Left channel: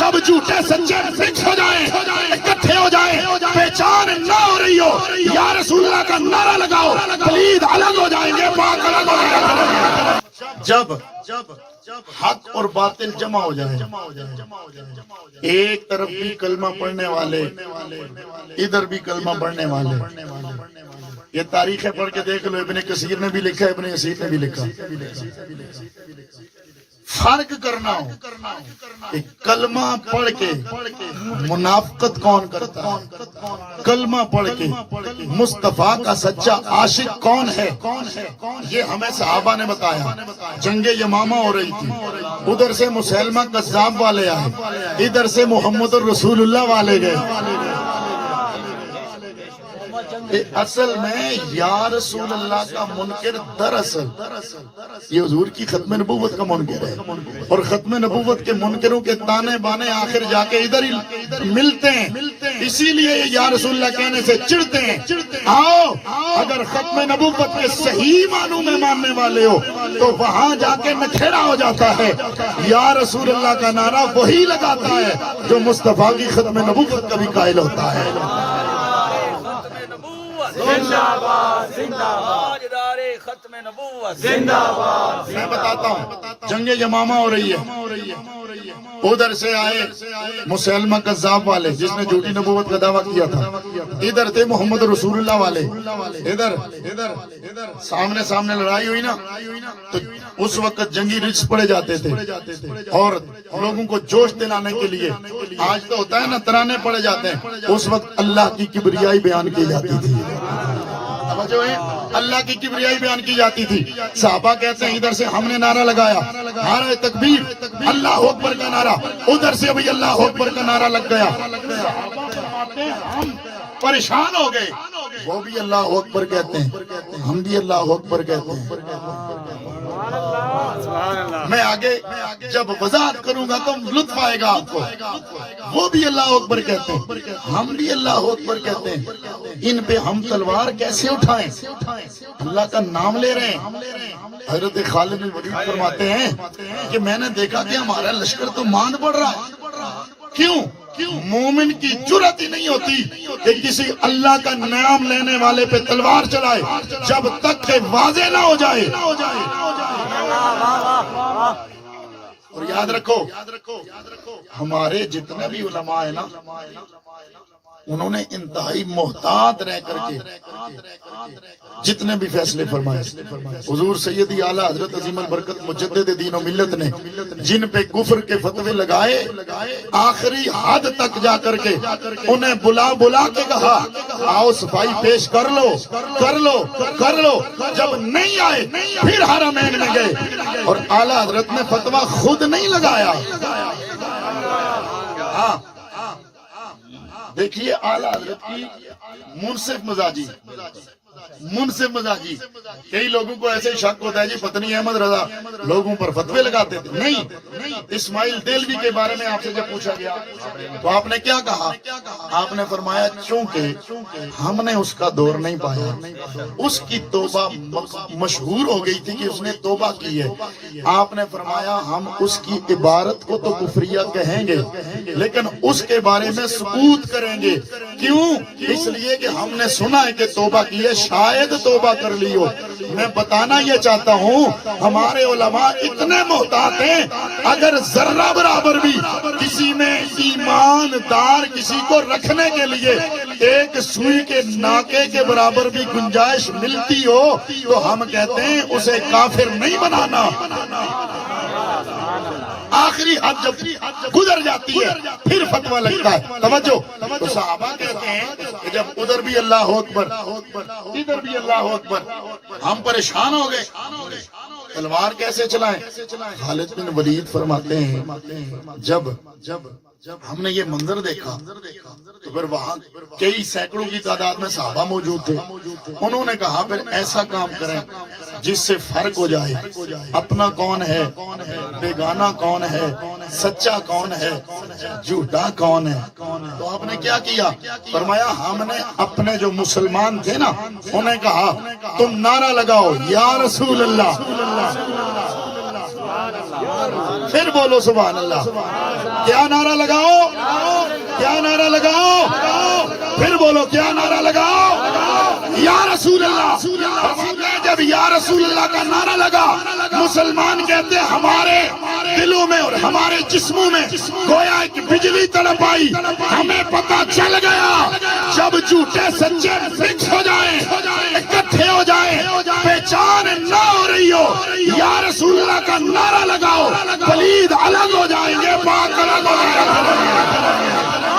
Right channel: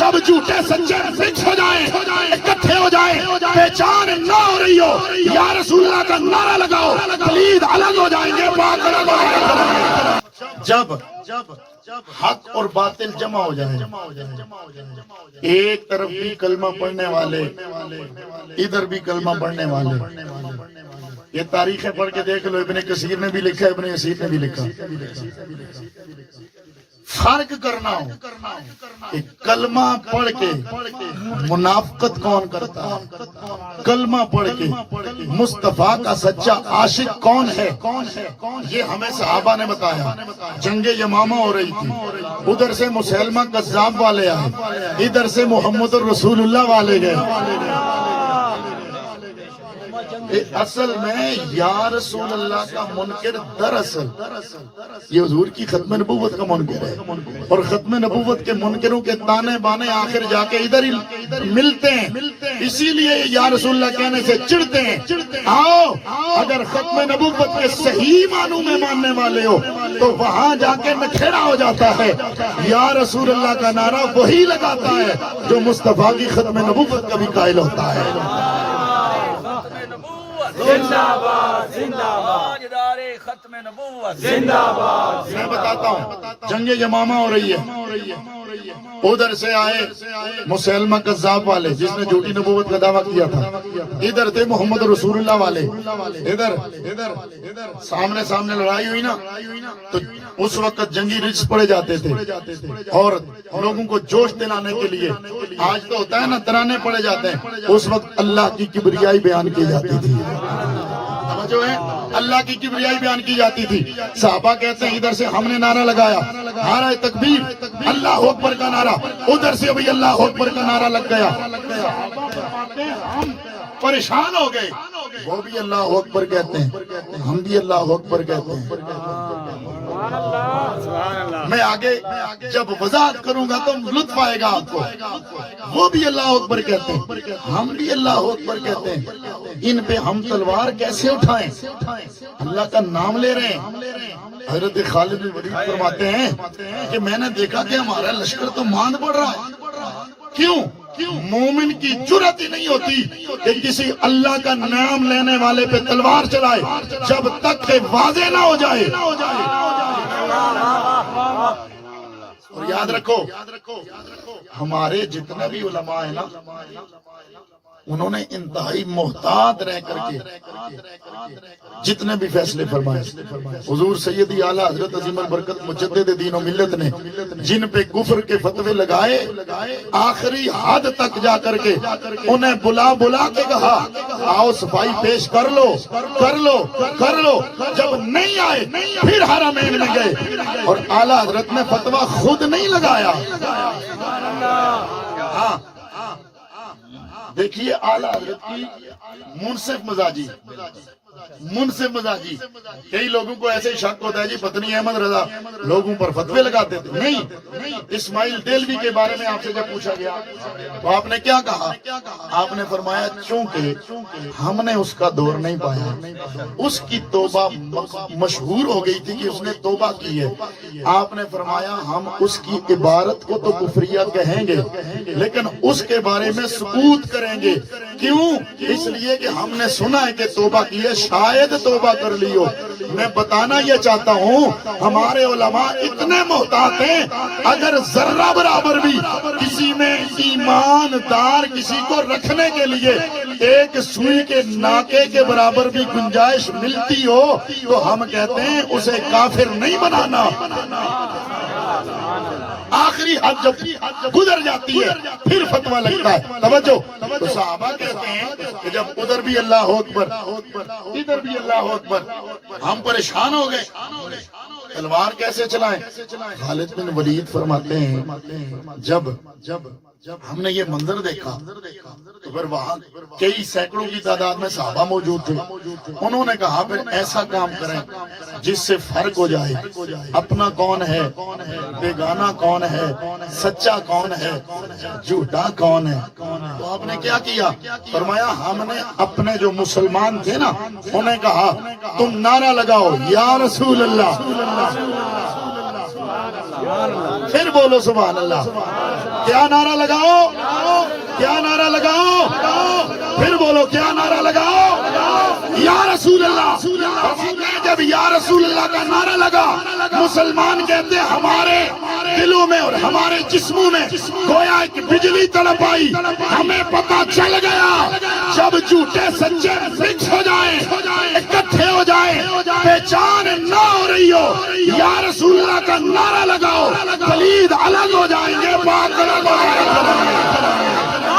جب جھوٹے سچے مکس ہو جائیں اکٹھے ہو جائیں پہچان نہ ہو رہی ہو یا رسول اللہ کا نعرہ لگاؤ قلید الگ ہو جائیں گے پاک الگ ہو جائیں گے جب حق اور باطل جمع ہو جائیں ایک طرف بھی کلمہ پڑھنے والے ادھر بھی کلمہ پڑھنے والے یہ تاریخیں پڑھ کے دیکھ لو ابن کثیر نے بھی لکھا ابن یسیر نے بھی لکھا فرق کرنا ہو کہ کلمہ پڑھ کے منافقت کون کرتا ہے کلمہ پڑھ کے مصطفیٰ کا سچا عاشق کون ہے یہ ہمیں صحابہ نے بتایا جنگ یمامہ ہو رہی تھی ادھر سے مسیلمہ کذاب والے آئے ادھر سے محمد الرسول اللہ والے گئے اصل میں یا رسول اللہ کا منکر دراصل یہ حضور کی ختم نبوت کا منکر ہے اور ختم نبوت کے منکروں کے تانے بانے آخر جا کے ادھر ہی ملتے ہیں اسی لیے یا رسول اللہ کہنے سے چڑھتے ہیں آؤ اگر ختم نبوت کے صحیح معنوں میں ماننے والے ہو تو وہاں جا کے نکھیڑا ہو جاتا ہے یا رسول اللہ کا نعرہ وہی لگاتا ہے جو مصطفیٰ کی ختم نبوت کا بھی قائل ہوتا ہے زندہ باد زندہ باد ختم نبوت زندہ باد میں بتاتا ہوں جنگ یمامہ ہو رہی ہے ادھر سے آئے مسیلمہ کذاب والے جس نے جھوٹی نبوت کا دعویٰ کیا تھا ادھر تھے محمد رسول اللہ والے ادھر سامنے لڑائی ہوئی نا تو اس وقت جنگی رجس پڑے جاتے تھے اور لوگوں کو جوش دلانے کے لیے آج تو ہوتا ہے نا ترانے پڑے جاتے ہیں اس وقت اللہ کی کبریائی بیان کی جاتی تھی جو ہے اللہ کی کبریائی بیان کی جاتی تھی صحابہ کہتے ہیں ادھر سے ہم نے نعرہ لگایا نعرہ تکبیر اللہ اکبر کا نعرہ ادھر سے ابھی اللہ اکبر کا نعرہ لگ گیا صحابہ فرماتے ہیں ہم پریشان ہو گئے وہ بھی اللہ اکبر کہتے ہیں ہم بھی اللہ اکبر کہتے ہیں میں آگے جب وضاحت کروں گا تو لطف آئے گا آپ کو وہ بھی اللہ اکبر کہتے ہیں ہم بھی اللہ اکبر کہتے ہیں ان پہ ہم تلوار کیسے اٹھائیں اللہ کا نام لے رہے ہیں حضرت خالد بن ولید فرماتے ہیں کہ میں نے دیکھا کہ ہمارا لشکر تو ماند پڑ رہا ہے کیوں مومن کی جرات ہی نہیں ہوتی کہ کسی اللہ کا نام لینے والے پہ تلوار چلائے جب تک کہ واضح نہ ہو جائے اور یاد رکھو ہمارے جتنے بھی علماء ہیں نا انہوں نے انتہائی محتاط رہ کر کے جتنے بھی فیصلے فرمائے حضور سیدی اعلیٰ حضرت عظیم البرکت مجدد دین و ملت نے جن پہ کفر کے فتوے لگائے آخری حد تک جا کر کے انہیں بلا کے کہا آؤ صفائی پیش کر لو جب نہیں آئے پھر حرمین میں گئے اور اعلیٰ حضرت نے فتویٰ خود نہیں لگایا ہاں دیکھیے اعلیٰ حضرت کی منصف مزاجی کئی لوگوں کو ایسے شک ہوتا ہے جی پتنی احمد رضا لوگوں پر فتوے لگاتے تھے نہیں اسماعیل دیلوی کے بارے میں آپ سے جب پوچھا گیا تو آپ نے کیا کہا آپ نے فرمایا چونکہ ہم نے اس کا دور نہیں پایا اس کی توبہ مشہور ہو گئی تھی کہ اس نے توبہ کی ہے آپ نے فرمایا ہم اس کی عبارت کو تو کفریہ کہیں گے لیکن اس کے بارے میں سکوت کریں گے کیوں اس لیے کہ ہم نے سنا ہے کہ توبہ کی ہے شاید توبہ کر لی ہو میں بتانا یہ چاہتا ہوں ہمارے علماء اتنے محتاط ہیں اگر ذرہ برابر بھی کسی میں ایمان دار کسی کو رکھنے کے لیے ایک سوئی کے ناکے کے برابر بھی گنجائش ملتی ہو تو ہم کہتے ہیں اسے کافر نہیں بنانا آخری حد جب گزر جاتی ہے پھر فتویٰ لگتا ہے توجہ تو صحابہ کہتے ہیں کہ جب ادھر بھی اللہ اکبر ادھر بھی اللہ اکبر ہم پریشان ہو گئے تلوار کیسے چلائیں خالد بن ولید فرماتے ہیں جب ہم نے یہ منظر دیکھا تو پھر وہاں کئی سینکڑوں کی تعداد میں صحابہ موجود تھے انہوں نے کہا پھر ایسا کام کریں جس سے فرق ہو جائے اپنا کون ہے بیگانہ کون ہے سچا کون ہے جھوٹا کون ہے تو آپ نے کیا کیا فرمایا ہم نے اپنے جو مسلمان تھے نا انہیں کہا تم نعرہ لگاؤ یا رسول اللہ پھر بولو سبحان اللہ. کیا نعرہ لگاؤ؟ کیا نعرہ لگاؤ؟ پھر بولو کیا نعرہ لگاؤ؟ یا رسول اللہ. فرماتے ہیں جب یا رسول اللہ کا نعرہ لگا مسلمان کہتے ہیں ہمارے دلوں میں اور ہمارے جسموں میں گویا ایک بجلی تڑپ آئی. ہمیں پتہ چل گیا جب جھوٹے سچے مکس ہو جائیں اکٹھے ہو جائیں پہچان نہ ہو رہی ہو یا رسول اللہ کا نعرہ لگاؤ پلید الگ ہو جائیں گے پاک الگ ہو جائیں گے.